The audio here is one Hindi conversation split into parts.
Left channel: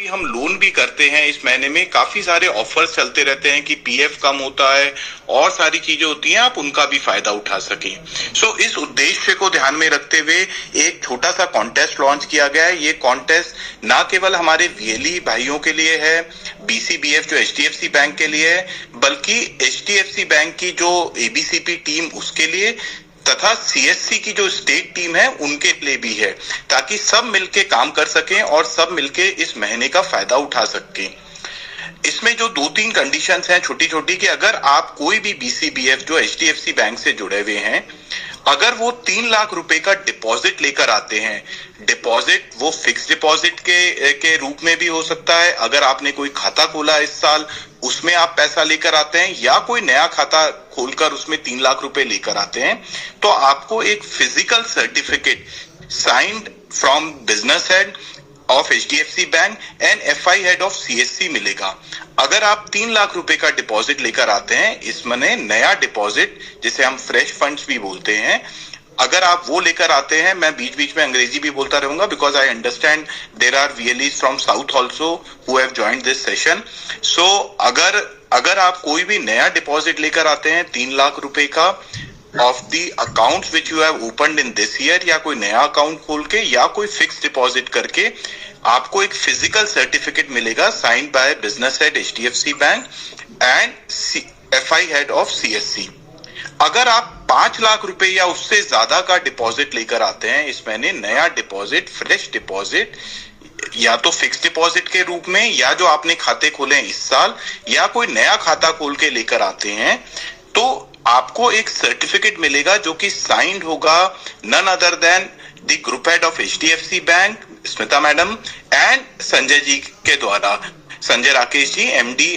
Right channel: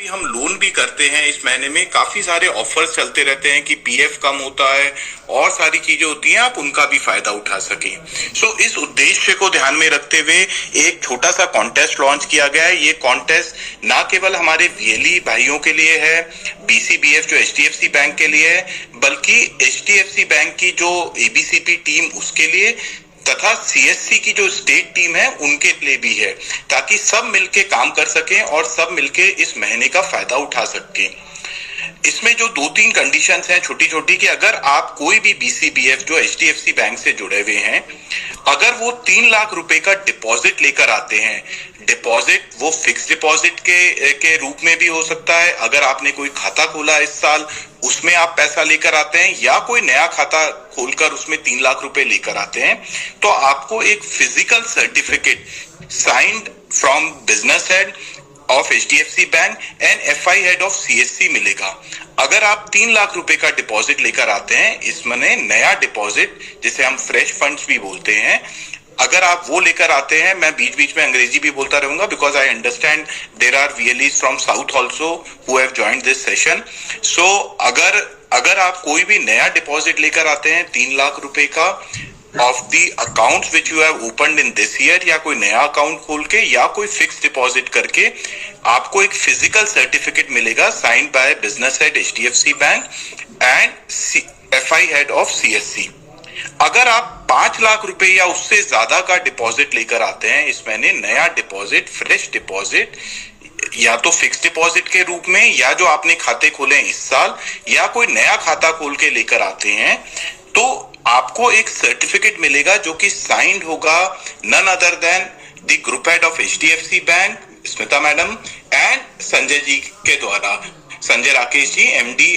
भी हम लोन भी करते हैं इस महीने में काफी सारे ऑफर्स चलते रहते हैं कि पीएफ कम होता है और सारी चीजें होती हैं, आप उनका भी फायदा उठा सकें। सो इस उद्देश्य को ध्यान में रखते हुए एक छोटा सा कॉन्टेस्ट लॉन्च किया गया है। ये कॉन्टेस्ट ना केवल हमारे वीएलई भाइयों के लिए है, बीसीबीएफ जो एचडीएफसी बैंक के लिए है, बल्कि एचडीएफसी बैंक की जो एबीसीपी टीम उसके लिए तथा सीएससी की जो स्टेट टीम है उनके लिए भी है, ताकि सब मिलके काम कर सकें और सब मिलके इस महीने का फायदा उठा सकें। इसमें जो 2-3 कंडीशंस हैं छोटी छोटी, कि अगर आप कोई भी बीसीबीएफ जो एचडीएफसी बैंक से जुड़े हुए हैं, अगर वो 3 लाख रुपए का डिपॉजिट लेकर आते हैं, डिपॉजिट वो फिक्स डिपॉजिट के रूप में भी हो सकता है, अगर आपने कोई खाता खोला इस साल उसमें आप पैसा लेकर आते हैं, या कोई नया खाता खोलकर उसमें 3 लाख रुपए लेकर आते हैं, तो आपको एक physical certificate signed from business head of HDFC bank and FI head of CSC मिलेगा। अगर आप 3 लाख रुपए का डिपॉजिट लेकर आते हैं, इसमें नया डिपॉजिट जिसे हम फ्रेश फंड्स भी बोलते हैं, अगर आप वो लेकर आते हैं, मैं बीच बीच में अंग्रेजी भी बोलता रहूंगा because I understand there are VLEs from south also who have joined this session. So अगर आप कोई भी नया डिपॉजिट लेकर आते हैं 3 लाख रुपए का of the account which you have opened in this year, या कोई नया अकाउंट खोल के या कोई फिक्स डिपॉजिट करके, आपको एक फिजिकल सर्टिफिकेट मिलेगा signed by business head HDFC bank and FI head of CSC. अगर आप 5 लाख रुपए या उससे ज्यादा का डिपॉजिट लेकर आते हैं इस महीने, नया डिपॉजिट फ्रेश डिपॉजिट, या तो फिक्स डिपॉजिट के रूप में, या जो आपने खाते खोले हैं इस साल, या कोई नया खाता खोल के लेकर आते हैं, तो आपको एक सर्टिफिकेट मिलेगा जो कि साइंड होगा none other than the group head of HDFC bank Smita madam and Sanjay ji के द्वारा, Sanjay Rakesh ji MD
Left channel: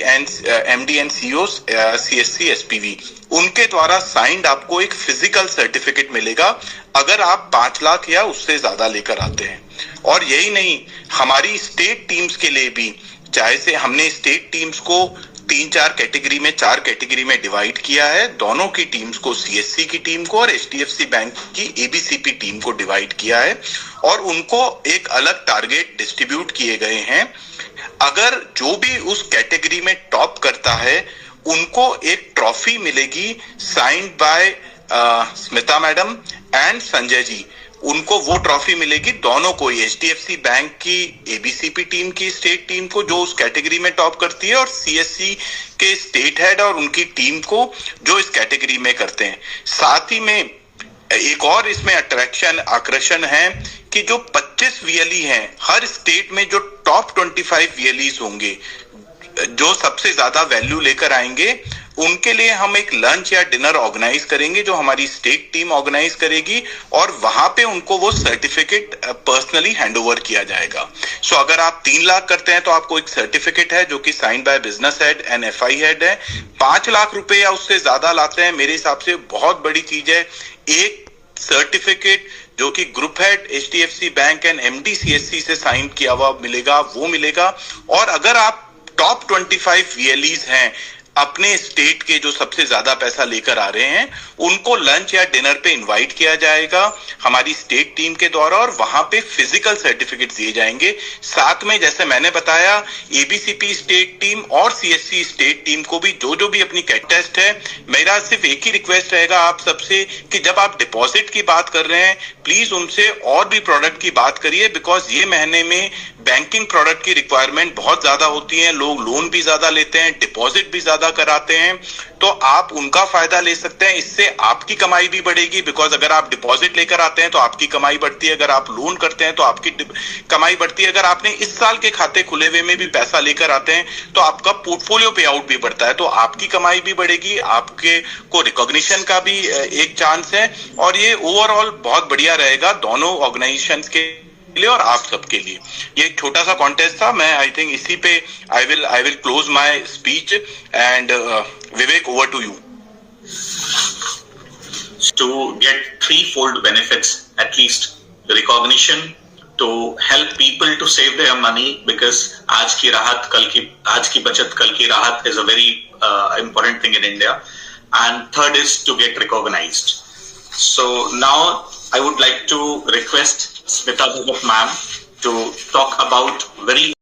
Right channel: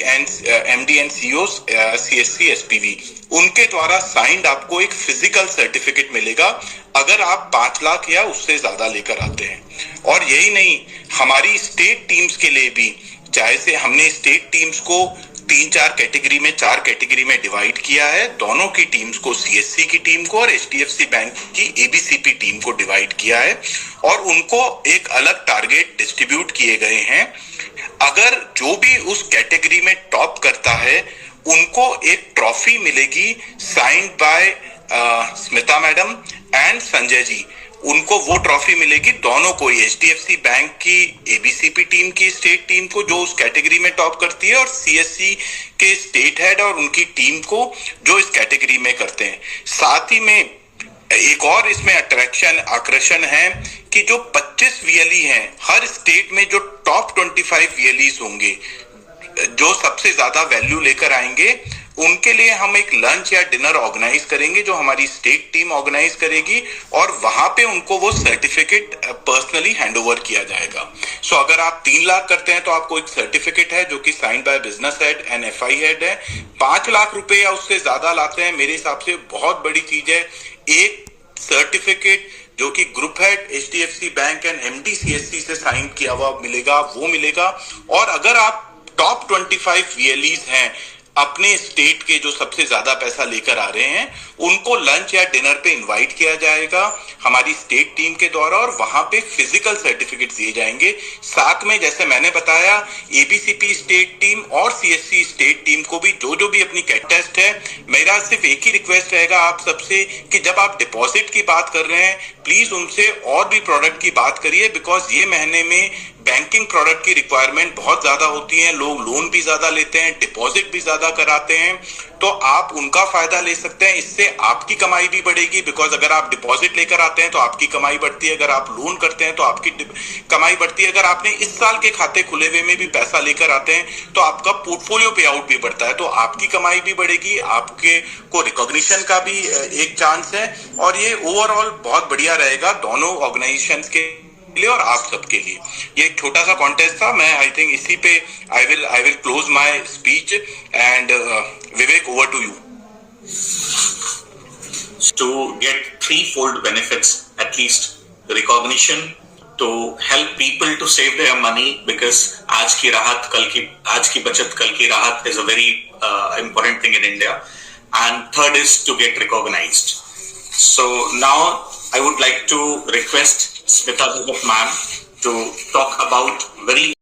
and CEO CSC SPV, उनके द्वारा साइंड आपको एक फिजिकल सर्टिफिकेट मिलेगा अगर आप 5 लाख या उससे ज्यादा लेकर आते हैं। और यही नहीं, हमारी स्टेट टीम्स के लिए भी, चाहे से हमने स्टेट टीम्स को 3-4 कैटेगरी में 4 कैटेगरी में डिवाइड किया है, दोनों की टीम्स को, सीएससी की टीम को और एचडीएफसी बैंक की एबीसीपी टीम को डिवाइड किया है, और उनको एक अलग टारगेट डिस्ट्रीब्यूट किए गए हैं। अगर जो भी उस कैटेगरी में टॉप करता है उनको एक ट्रॉफी मिलेगी signed by Smita madam and Sanjay ji, उनको वो ट्रॉफी मिलेगी दोनों को, एचडीएफसी बैंक की एबीसीपी टीम की स्टेट टीम को जो उस कैटेगरी में टॉप करती है, और सीएससी के स्टेट हेड और उनकी टीम को जो इस कैटेगरी में करते हैं। साथ ही में एक और इसमें आकर्षण है कि जो 25 VLE हैं, हर स्टेट में जो टॉप 25 VLEs होंगे जो सबसे ज्यादा वैल्यू लेकर आएंगे, उनके लिए हम एक लंच या डिनर ऑर्गेनाइज करेंगे जो हमारी स्टेट टीम ऑर्गेनाइज करेगी, और वहां पे उनको वो सर्टिफिकेट पर्सनली हैंड ओवर किया जाएगा। सो अगर आप 3 लाख करते हैं तो आपको एक सर्टिफिकेट है जो कि signed by business head and FI head है। 5 लाख रुपए या उससे ज्यादा लाते हैं, मेरे हिसाब से बहुत बड़ी चीज है, एक सर्टिफिकेट जो कि group head HDFC bank and MD CSC से साइन किया हुआ मिलेगा, वो मिलेगा। और अगर आप टॉप 25 VLEs हैं अपने स्टेट के जो सबसे ज्यादा पैसा लेकर आ रहे हैं, उनको लंच या डिनर पे इनवाइट किया जाएगा हमारी स्टेट टीम के द्वारा, और वहां पे फिजिकल सर्टिफिकेट दिए जाएंगे। साथ में जैसे मैंने बताया, एबीसीपी स्टेट टीम और सीएससी स्टेट टीम को भी जो भी अपनी टेस्ट है, मेरा सिर्फ एक ही रिक्वेस्ट रहेगा आप सबसे कि जब आप डिपॉजिट की बात कर रहे हैं, प्लीज उनसे और भी प्रोडक्ट की बात करिए, बिकॉज ये महीने में बैंकिंग प्रोडक्ट की रिक्वायरमेंट बहुत ज्यादा होती है, लोग लोन भी ज्यादा लेते हैं, डिपॉजिट भी ज्यादा कराते हैं, तो आप उनका फायदा ले सकते हैं। इससे आपकी कमाई भी बढ़ेगी, बिकॉज अगर आप डिपॉजिट लेकर आते हैं तो आपकी कमाई बढ़ती है, अगर आप लोन करते हैं तो आपकी कमाई बढ़ती है, अगर आपने इस साल के खाते खुले हुए में भी पैसा लेकर आते हैं तो आपका पोर्टफोलियो पे आउट भी बढ़ता है, तो आपकी कमाई भी बढ़ेगी, आपके को रिकॉग्निशन का भी एक चांस है, और ये ओवरऑल बहुत बढ़िया रहेगा दोनों ऑर्गेनाइजेशंस के लिए और आप सबके लिए। ये एक छोटा सा कॉन्टेस्ट था, मैं आई थिंक इसी पे I will close my speech and Vivek, over to you. To get threefold benefits, at least recognition, to help people to save their money, because आज की बचत कल की राहत is a very important thing in India, and third is to get recognized. So now I would like to request Smita Bhagat ma'am to talk about very